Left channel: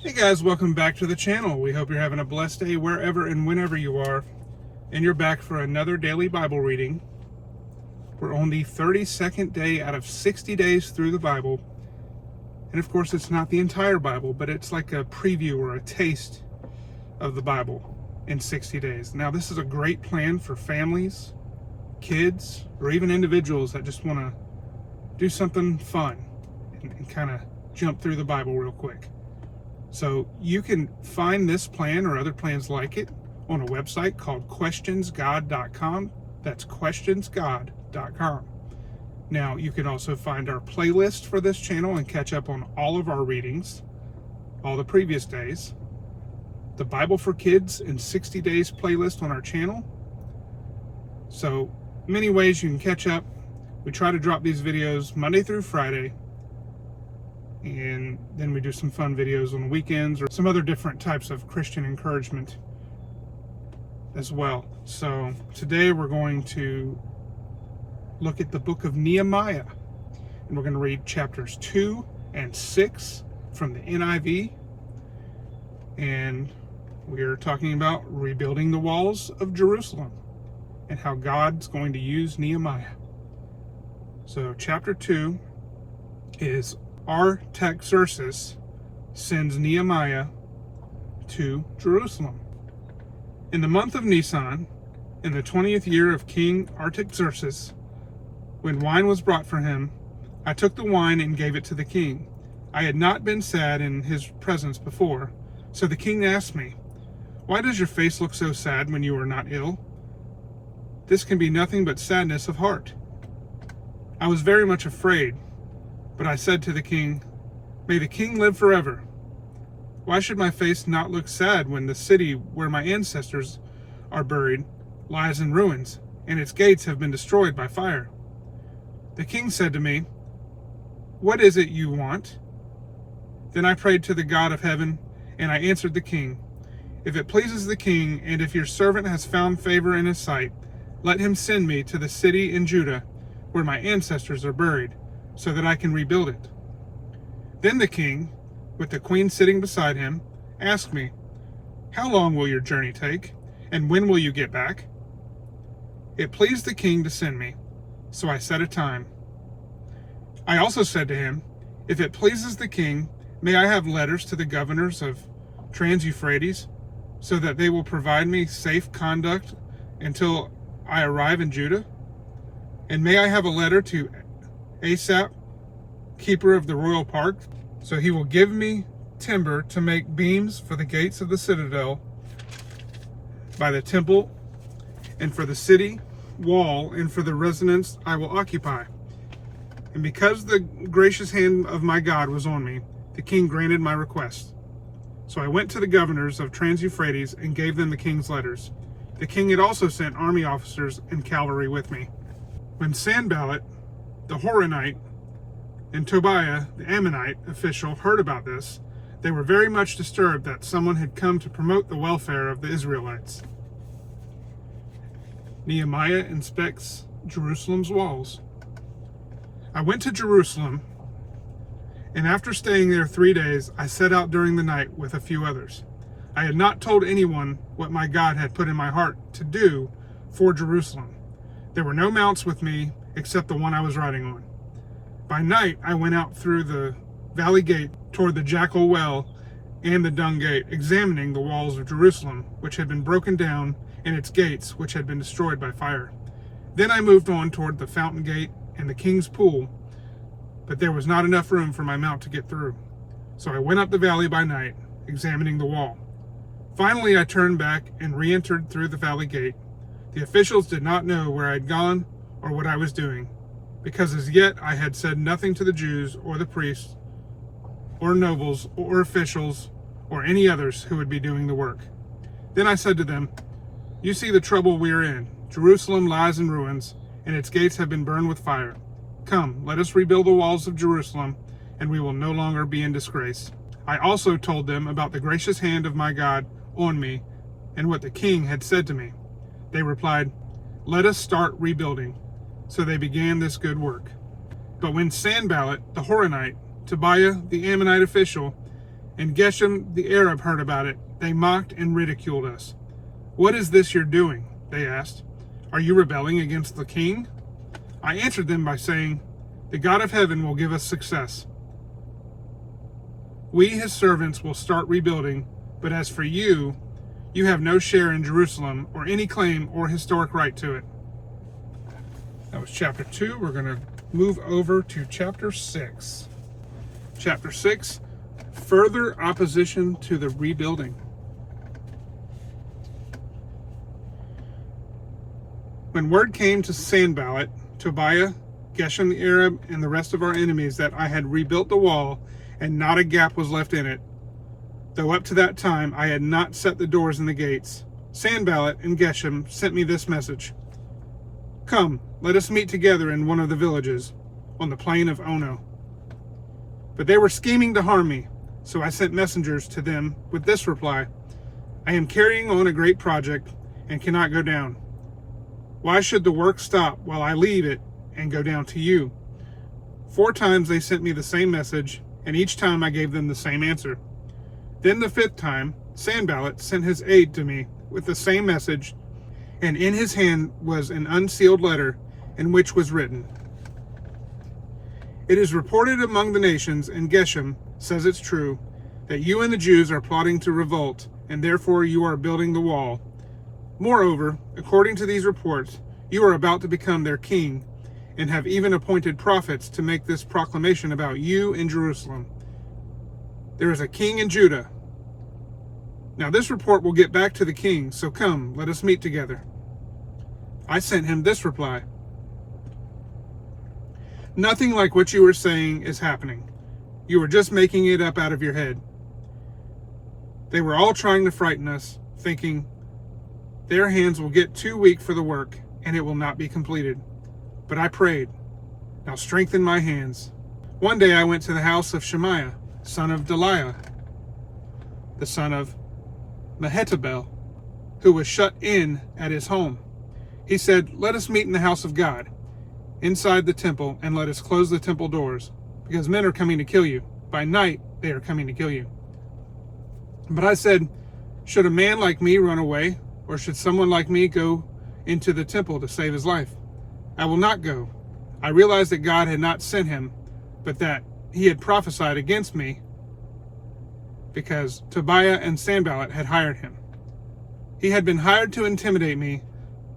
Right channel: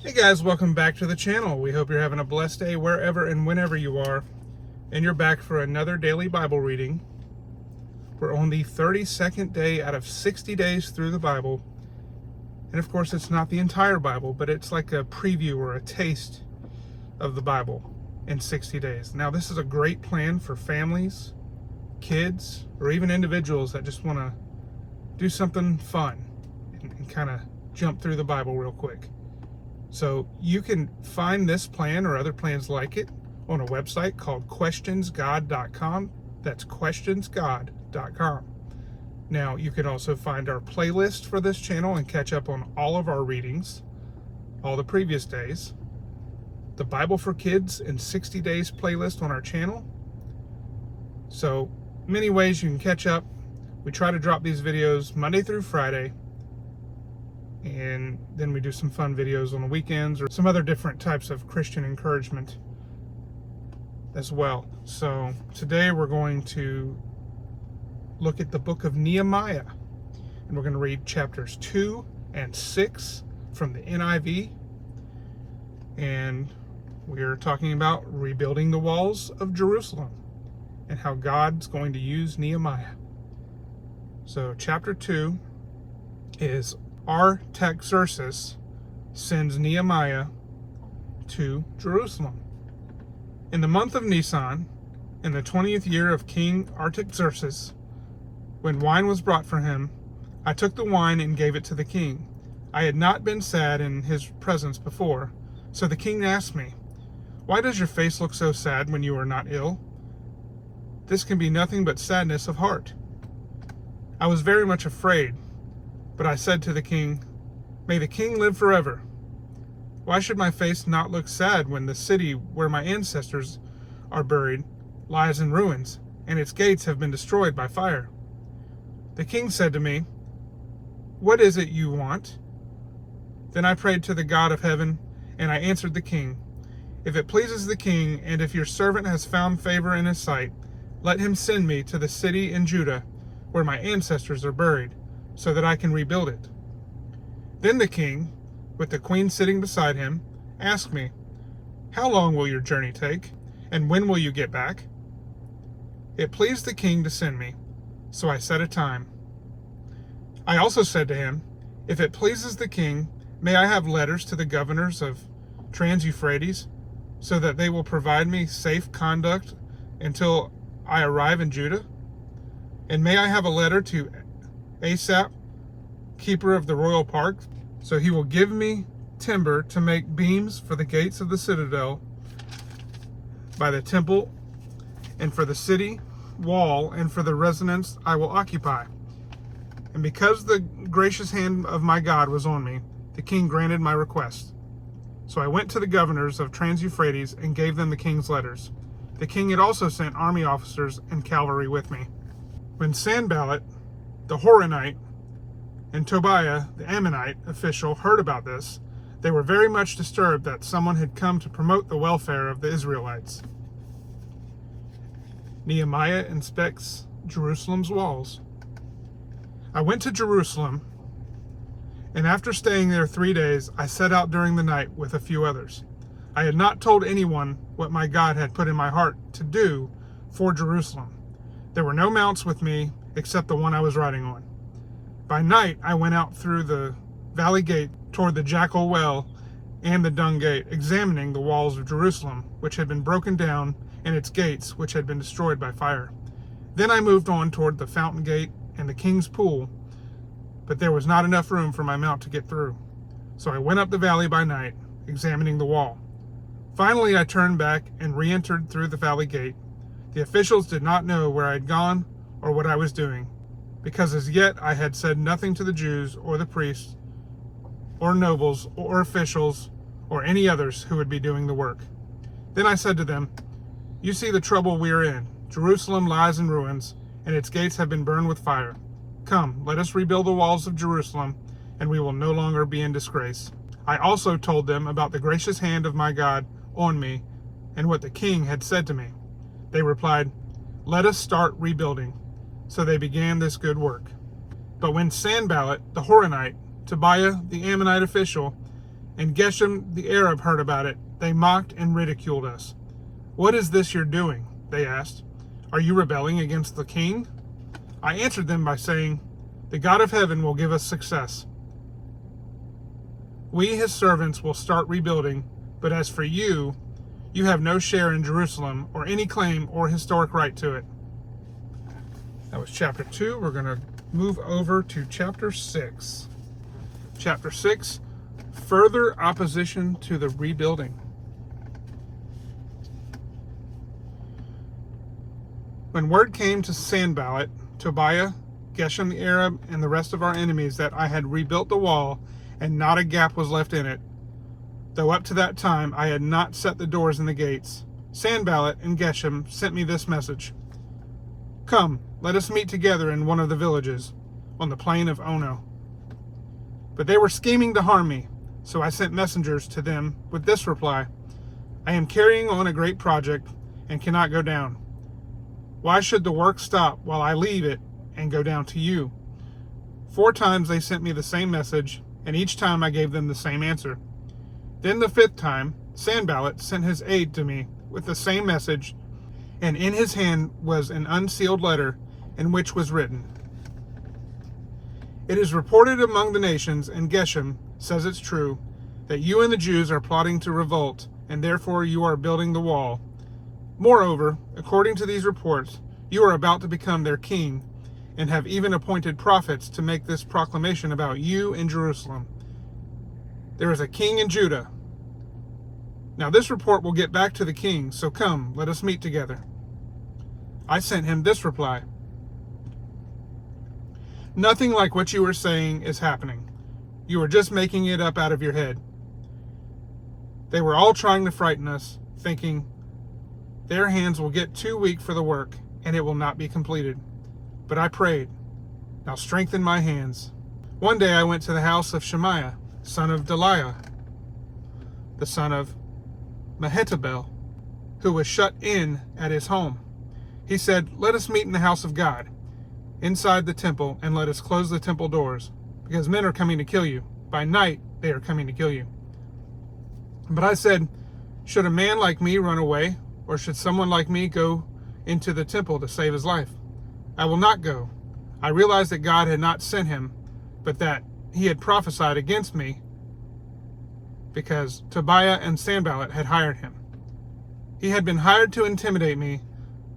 Hey guys, welcome back to the channel. We hope you're having a blessed day wherever and whenever you are. And you're back for another daily Bible reading. We're on the 32nd day out of 60 days through the Bible. And of course, it's not the entire Bible, but it's like a preview or a taste of the Bible in 60 days. Now, this is a great plan for families, kids, or even individuals that just want to do something fun and kind of jump through the Bible real quick. So you can find this plan or other plans like it on a website called questionsgod.com. That's questionsgod.com. Now, you can also find our playlist for this channel and catch up on all of our readings, all the previous days. The Bible for Kids in 60 Days playlist on our channel. So many ways you can catch up. We try to drop these videos Monday through Friday. And then we do some fun videos on the weekends or some other different types of Christian encouragement as well. So today we're going to look at the book of Nehemiah, and we're going to read chapters 2 and 6 from the NIV. And we're talking about rebuilding the walls of Jerusalem and how God's going to use Nehemiah. So chapter 2 is Artaxerxes sends Nehemiah to Jerusalem. In the month of Nisan, in the 20th year of King Artaxerxes, when wine was brought for him, I took the wine and gave it to the king. I had not been sad in his presence before, so the king asked me, "Why does your face look so sad when you are not ill? This can be nothing but sadness of heart." I was very much afraid, but I said to the king, "May the king live forever. Why should my face not look sad when the city where my ancestors are buried lies in ruins, and its gates have been destroyed by fire?" The king said to me, "What is it you want?" Then I prayed to the God of heaven, and I answered the king, "If it pleases the king, and if your servant has found favor in his sight, let him send me to the city in Judah where my ancestors are buried, so that I can rebuild it." Then the king, with the queen sitting beside him, asked me, "How long will your journey take, and when will you get back?" It pleased the king to send me, so I set a time. I also said to him, "If it pleases the king, may I have letters to the governors of Trans-Euphrates, so that they will provide me safe conduct until I arrive in Judah? And may I have a letter to Asaph, keeper of the royal park, so he will give me timber to make beams for the gates of the citadel by the temple, and for the city wall, and for the residence I will occupy." And because the gracious hand of my God was on me, the king granted my request. So I went to the governors of Trans-Euphrates and gave them the king's letters. The king had also sent army officers and cavalry with me. When Sanballat, the Horonite, and Tobiah, the Ammonite official, heard about this, they were very much disturbed that someone had come to promote the welfare of the Israelites. Nehemiah inspects Jerusalem's walls. I went to Jerusalem, and after staying there 3 days, I set out during the night with a few others. I had not told anyone what my God had put in my heart to do for Jerusalem. There were no mounts with me except the one I was riding on. By night, I went out through the valley gate toward the Jackal Well and the Dung Gate, examining the walls of Jerusalem, which had been broken down, and its gates, which had been destroyed by fire. Then I moved on toward the Fountain Gate and the King's Pool, but there was not enough room for my mount to get through. So I went up the valley by night, examining the wall. Finally, I turned back and re-entered through the valley gate. The officials did not know where I had gone or what I was doing, because as yet I had said nothing to the Jews or the priests or nobles or officials or any others who would be doing the work. Then I said to them, "You see the trouble we are in. Jerusalem lies in ruins, and its gates have been burned with fire. Come, let us rebuild the walls of Jerusalem, and we will no longer be in disgrace." I also told them about the gracious hand of my God on me and what the king had said to me. They replied, "Let us start rebuilding." So they began this good work. But when Sanballat, the Horonite, Tobiah, the Ammonite official, and Geshem the Arab heard about it, they mocked and ridiculed us. "What is this you're doing?" they asked. "Are you rebelling against the king?" I answered them by saying, "The God of heaven will give us success. We, his servants, will start rebuilding, but as for you, you have no share in Jerusalem or any claim or historic right to it." That was chapter 2. We're going to move over to chapter 6. Chapter 6, further opposition to the rebuilding. When word came to Sanballat, Tobiah, Geshem the Arab, and the rest of our enemies that I had rebuilt the wall and not a gap was left in it, though up to that time I had not set the doors and the gates, Sanballat and Geshem sent me this message: "Come, let us meet together in one of the villages, on the plain of Ono." But they were scheming to harm me, so I sent messengers to them with this reply: "I am carrying on a great project and cannot go down. Why should the work stop while I leave it and go down to you?" 4 times they sent me the same message, and each time I gave them the same answer. Then the 5th time, Sanballat sent his aide to me with the same message, and in his hand was an unsealed letter in which was written, "It is reported among the nations, and Geshem says it's true, that you and the Jews are plotting to revolt, and therefore you are building the wall. Moreover, according to these reports, you are about to become their king, and have even appointed prophets to make this proclamation about you in Jerusalem. There is a king in Judah. Now this report will get back to the king, so come, let us meet together." I sent him this reply: "Nothing like what you are saying is happening. You are just making it up out of your head." They were all trying to frighten us, thinking, "Their hands will get too weak for the work, and it will not be completed." But I prayed, "Now strengthen my hands." One day I went to the house of Shemaiah, son of Delaiah, the son of Mehetabel, who was shut in at his home. He said, "Let us meet in the house of God, inside the temple, and let us close the temple doors, because men are coming to kill you. By night they are coming to kill you." But I said, "Should a man like me run away, or should someone like me go into the temple to save his life? I will not go." I realized that God had not sent him, but that he had prophesied against me because Tobiah and Sanballat had hired him. He had been hired to intimidate me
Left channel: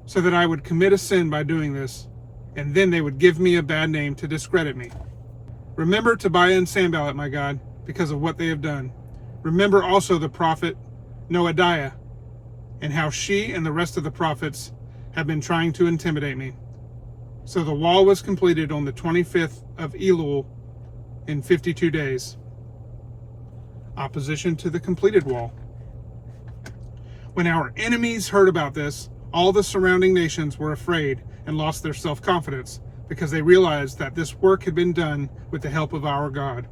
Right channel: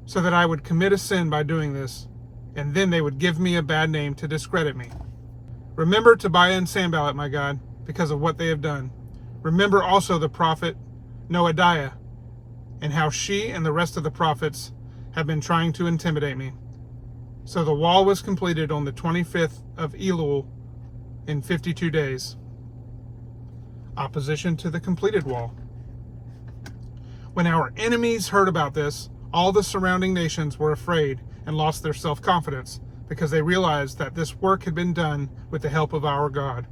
so that I would commit a sin by doing this, and then they would give me a bad name to discredit me. Remember Tobiah and Sanballat, my God, because of what they have done. Remember also the prophet Noadiah, and how she and the rest of the prophets have been trying to intimidate me. So the wall was completed on the 25th of Elul in 52 days. Opposition to the completed wall. When our enemies heard about this, all the surrounding nations were afraid and lost their self-confidence because they realized that this work had been done with the help of our God.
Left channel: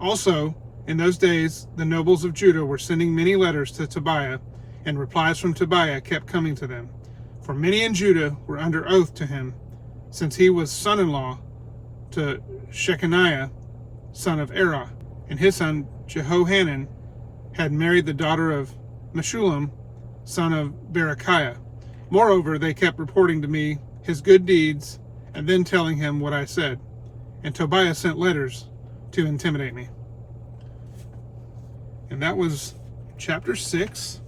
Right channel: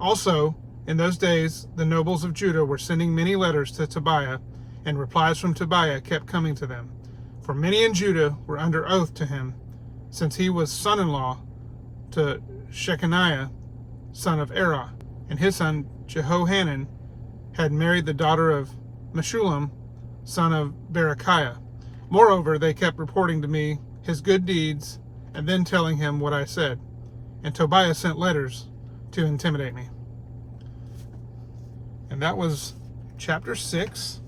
Also, in those days, the nobles of Judah were sending many letters to Tobiah, and replies from Tobiah kept coming to them. For many in Judah were under oath to him, since he was son-in-law to Shechaniah, son of Erah, and his son Jehohanan had married the daughter of Meshullam, son of Berechiah. Moreover, they kept reporting to me his good deeds, and then telling him what I said. And Tobiah sent letters to intimidate me. And that was chapter 6.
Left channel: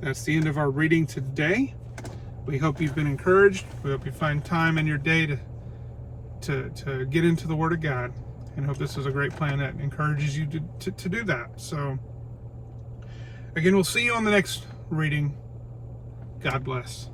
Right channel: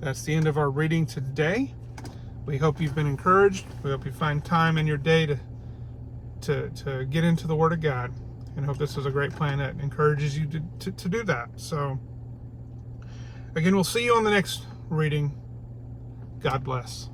That's the end of our reading today. We hope you've been encouraged. We hope you find time in your day to get into the Word of God, and hope this is a great plan that encourages you to do that. So, again, we'll see you on the next reading. God bless.